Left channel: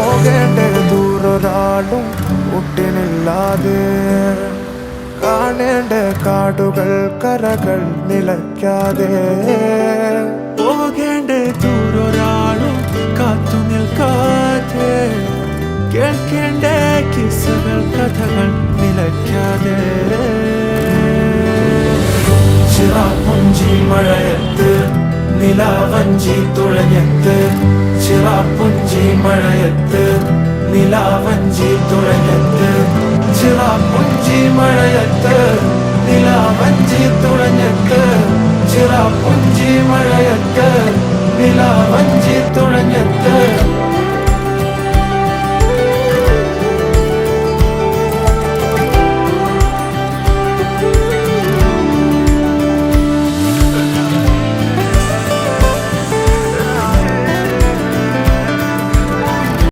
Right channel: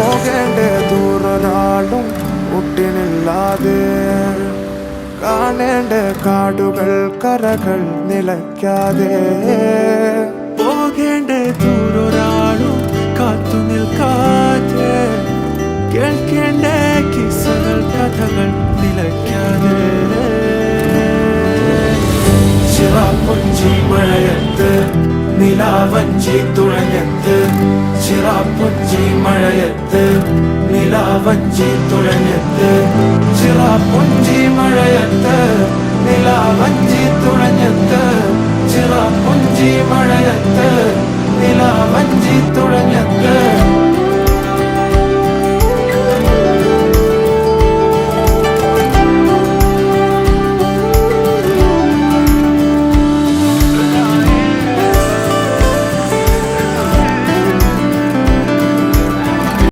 പോകേണ്ട ദൂരൊരാളും ഒട്ടിനില്ലാതെ, കാണേണ്ട കാടുകൾ കരകൾ നിലയ്ക്കാതെ, പോകേണ്ട ദൂരൊരാളും കാത്തു നിൽക്കാതെ, കേൾക്കേണ്ട കിസ്സകൾ കഥകൾ നിലയ്ക്കാതെ. ചിറാപ്പുഞ്ചി മഴയത്ത് നിലാവഞ്ചി തുഴഞ്ഞത്ത്, ചിറാപ്പുഞ്ചി മഴയത്ത് നിലാവഞ്ചി തുഴഞ്ഞത്ത്, ചിറാപ്പുഞ്ചി മഴയത്ത് നിലാവഞ്ചി തുഴഞ്ഞത്ത്, ചിറാപ്പുഞ്ചി മഴയത്ത് നിലാവഞ്ചി തുഴഞ്ഞത്ത്.